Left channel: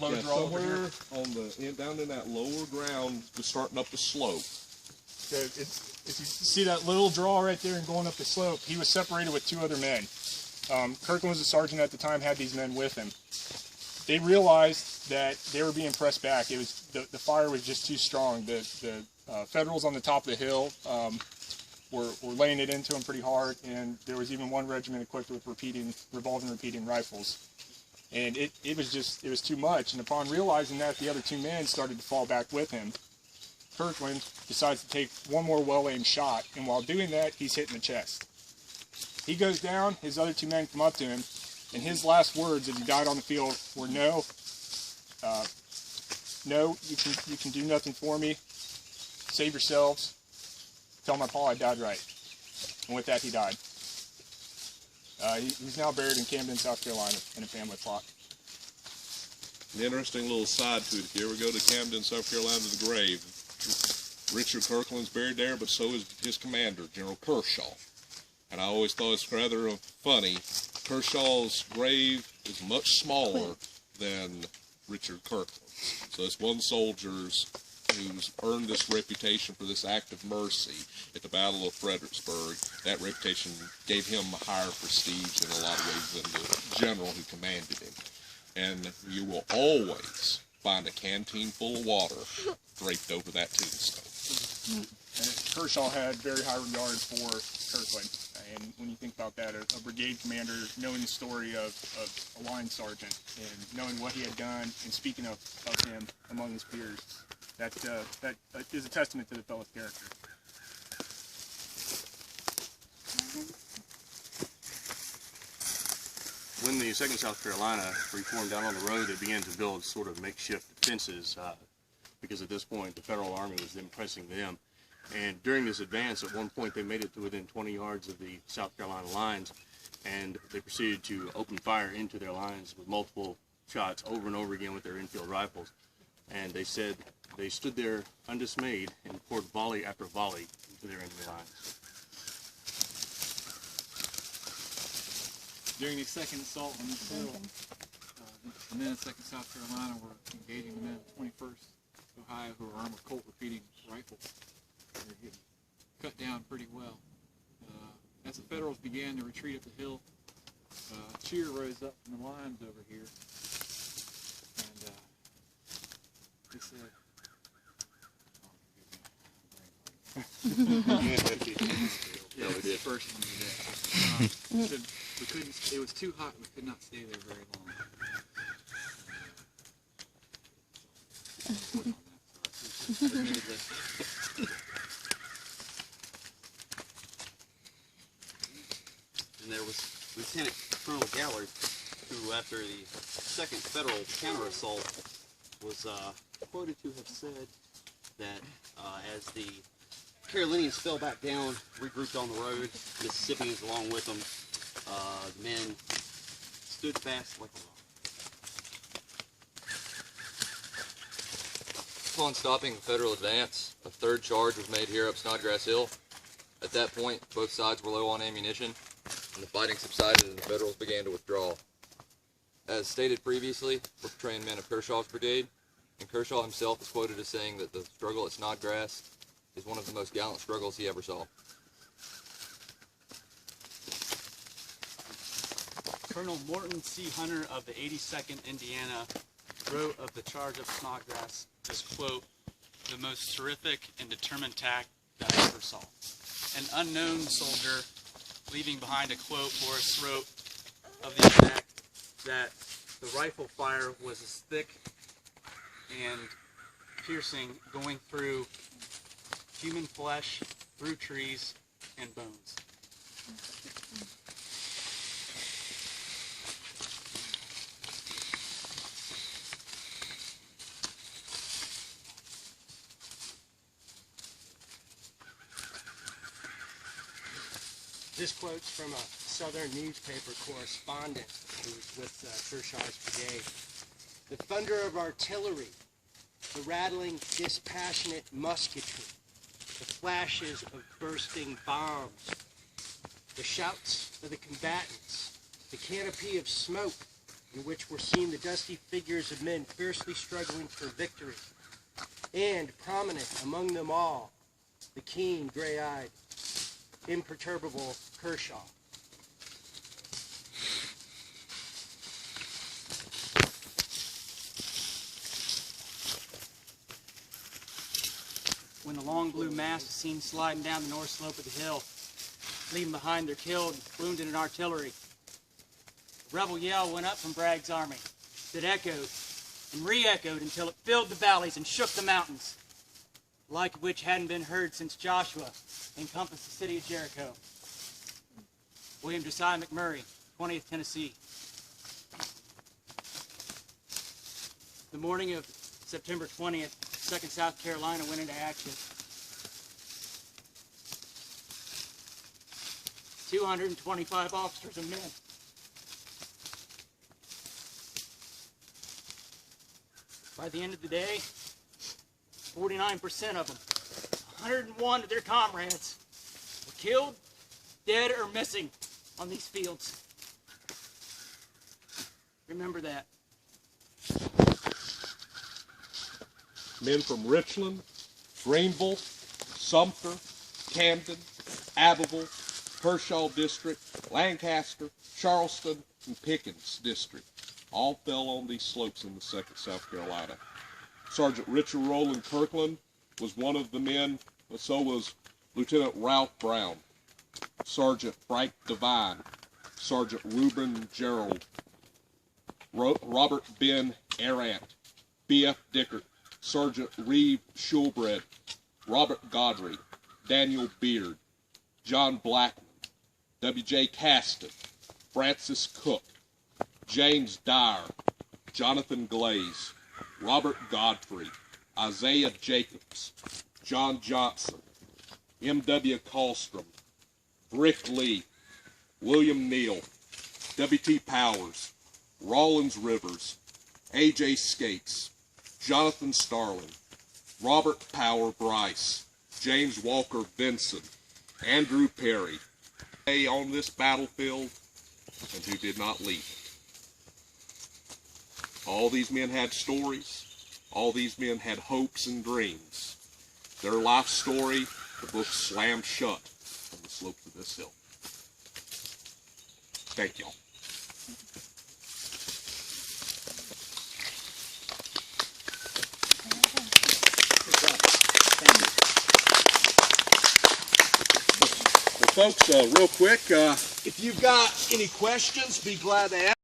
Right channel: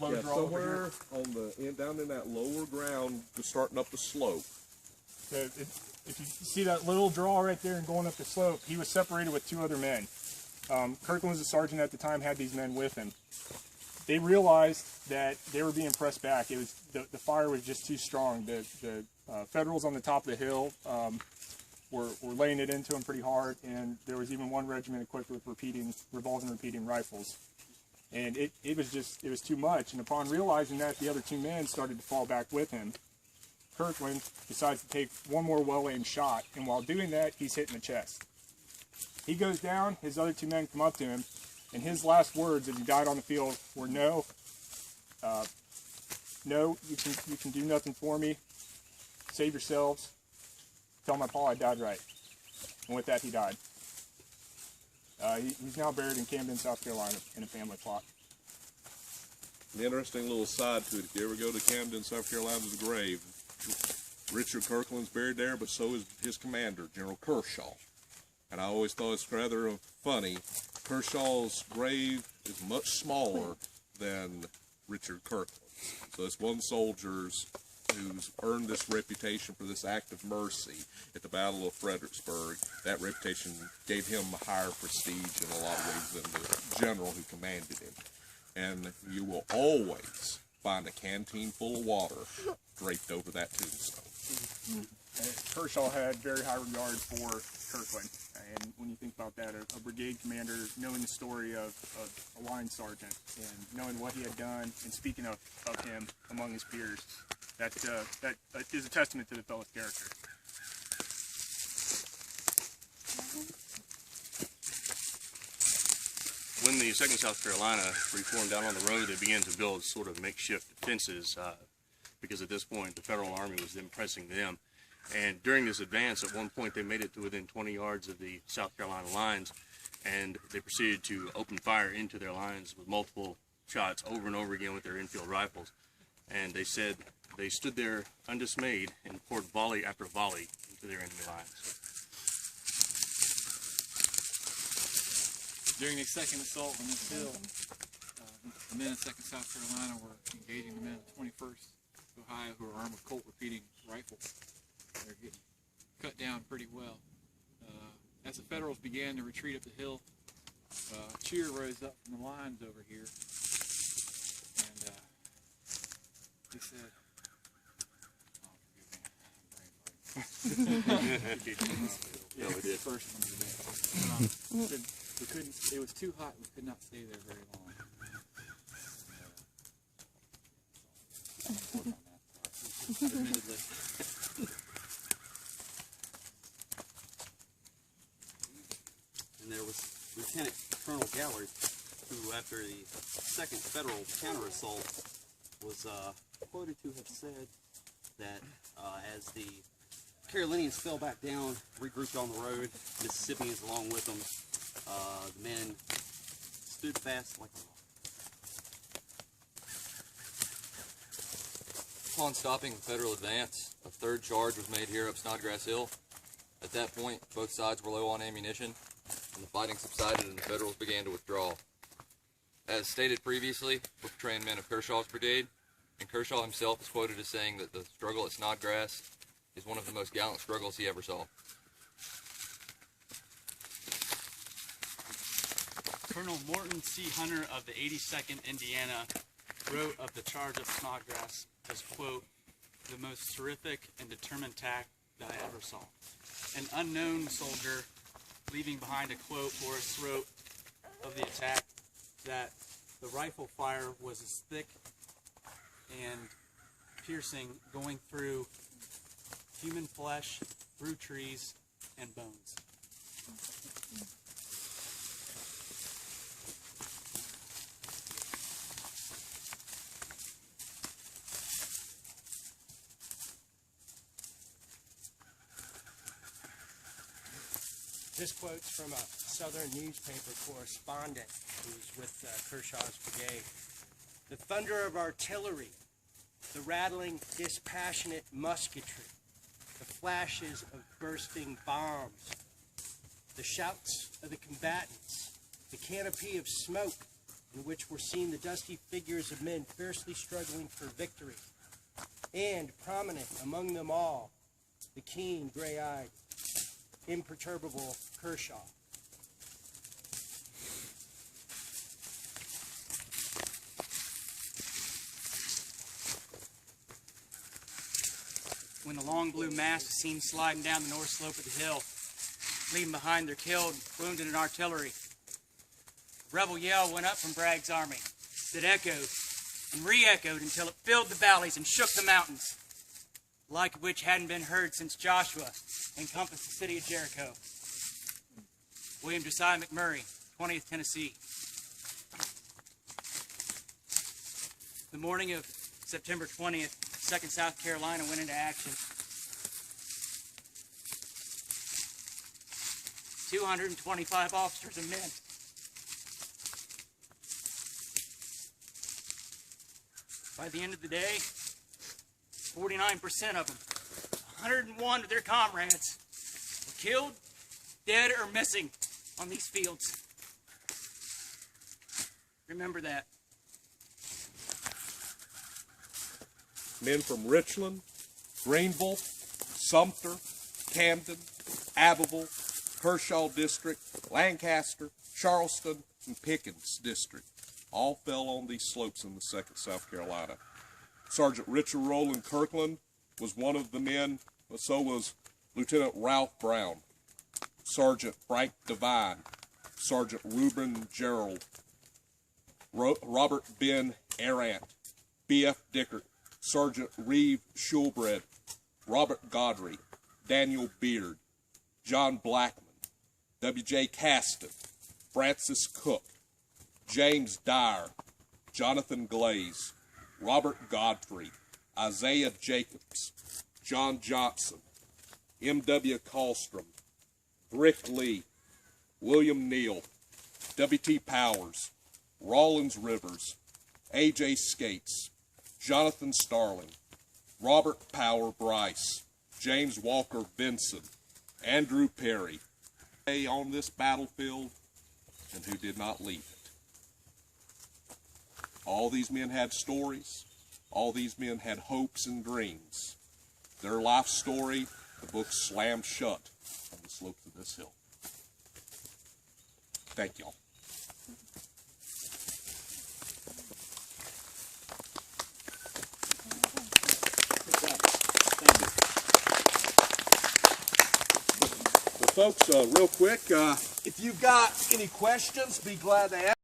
low draw over here. On the down in that lower ground, just starting up the slope. So if you see that little draw right there and going up the slope, he was separated with 2 other men. Kirkland was a sergeant at the time, had these men with him. They realized that they were being pressed back. It was the fire was just too strong. The Federals on the top of the hill were laying it into them pretty hard, and there was even one regiment equipped with revolving repeating rifles. And it was too much. And upon realizing that, the other 2 men started to fall back with him. Kirkland decides to take one more well-aimed shot, and while doing that, he's hit in the chest. He goes down, his other 2 men come up to him, and his last words as he died on the field were, no, you can do nothing for me, save yourselves, tell my pa I died right. And with that, he died. He's now buried in Camden, South Carolina, in a family plot. An interesting little side to it, if you ever go to Camden, South Carolina, to the grave, Richard Kirkland's buried there, but so is his commander, General Kershaw. And I always thought it's rather funny. Kershaw's grave is much smaller than Richard Kirkland's. So it's one soldier's who's earned this reputation for this act of mercy at the Battle of Fredericksburg. That reputation gave him a higher prestige in a lot of ways than the general who commanded him. And you will always find a canteen full of water draped over that tombstone. Kershaw had very high regard for Kirkland. And when you think about that, a brigade commander knowing the story of a line sergeant and knowing what he had done and speaking of him among his peers, that is a testament to the fellow's character. When the 2nd South Carolina reformed down on the road, they began to build sort of makeshift defenses because at this point the Federal Army was then pressing them. And during this advance, at one point they made it to within 20 yards of the South Carolina lines, and they proceeded to open fire into their lines with multiple shots over and over again with their infield rifles. And they said they stood there undismayed and poured volley after volley into their enemy lines. During the second assault on this hill, the men of 2nd South Carolina were engaging the men of 21st Ohio who were armed with Colt repeating rifles. They're getting cut down pretty well. As the Federals began to retreat up the hill, a cheer rose up from the lines over here, and they said, yeah, it's the first one we did. It was too hot, we could not stay there very long. And there was Lieutenant Colonel Gallard, who after the 2nd Federal counter-assault was quoted to have said that as the Carolinians fell back down, regrouped on the road, Mississippians along with them, the men stood fast like a rock. Upon stopping the Federal advance, a 3rd charge was made here up Snodgrass Hill. At that point, both sides were low on ammunition, and the fighting subsided and the Federals began to withdraw. As stated previously, we're portraying men of Kershaw's brigade, and Kershaw himself is quoted as saying that the struggle at Snodgrass is one of the most gallant struggles he ever saw. Colonel Morton C. Hunter of the 82nd Indiana wrote of the charge of Snodgrass as, quote, the most terrific and determined attack that I ever saw. An unknown soldier leaving behind a quote for his throat of the attack that the rifle fire was as thick and piercing, going through human flesh, through trees and bones. This quote's from a Southern newspaper correspondent who's with Kershaw's brigade. The thunder of artillery, the rattling, dispassionate musketry, the flashes of bursting bombs, the shouts of the combatants, the canopy of smoke, in which were seen the dusty figures of men fiercely struggling for victory, and prominent among them all, the keen, gray-eyed, imperturbable Kershaw. When the long blue mass is seen sliding down the north slope of the hill, leaving behind their killed and wounded and artillery, a rebel yell went up from Bragg's army that echoed and re-echoed until it filled the valleys and shook the mountains, the like of which hadn't been heard since Joshua encompassed the city of Jericho. William Josiah McMurray, 20th Tennessee. The morning of September 20th, 2nd South Carolina went into action. 225 officers and men. By the end of the day, 49% of them, 101 of their comrades, were killed, dead, or missing on these fields. Remember that. Men from Richland, Greenville, Sumter, Camden, Abbeville, Kershaw District, Lancaster, Charleston, and Pickens District all fell on these slopes in the 2nd South Carolina. Sergeant Richard Rowland Kirkland was one of the men, but so was Lieutenant Ralph Brown, Sergeant Frank Devine, Sergeant Reuben Gerald, Robert Ben Arant, B.F. Dickert, Sergeant Reeve Schulbred, Robert Godry, Daniel Beard, John Blackman, W.J. Caston, Francis Cook, James Dyer, Jonathan Glaze, Robert Godfrey, Isaiah Jacobs, John Johnson, M.W. Kallstrom, Rick Lee, William Neal, W.T. Powers, Rollins Rivers, A.J. Skates, Jonathan Starling, Robert Power Bryce, James Walker Benson, Andrew Perry, on this battlefield and who did not leave it. All these men had stories. All these men had hopes and dreams. Their life story, the book slammed shut on the slopes of this hill. Thank y'all. Well, folks, real quick, if you've got any questions, be glad to ask.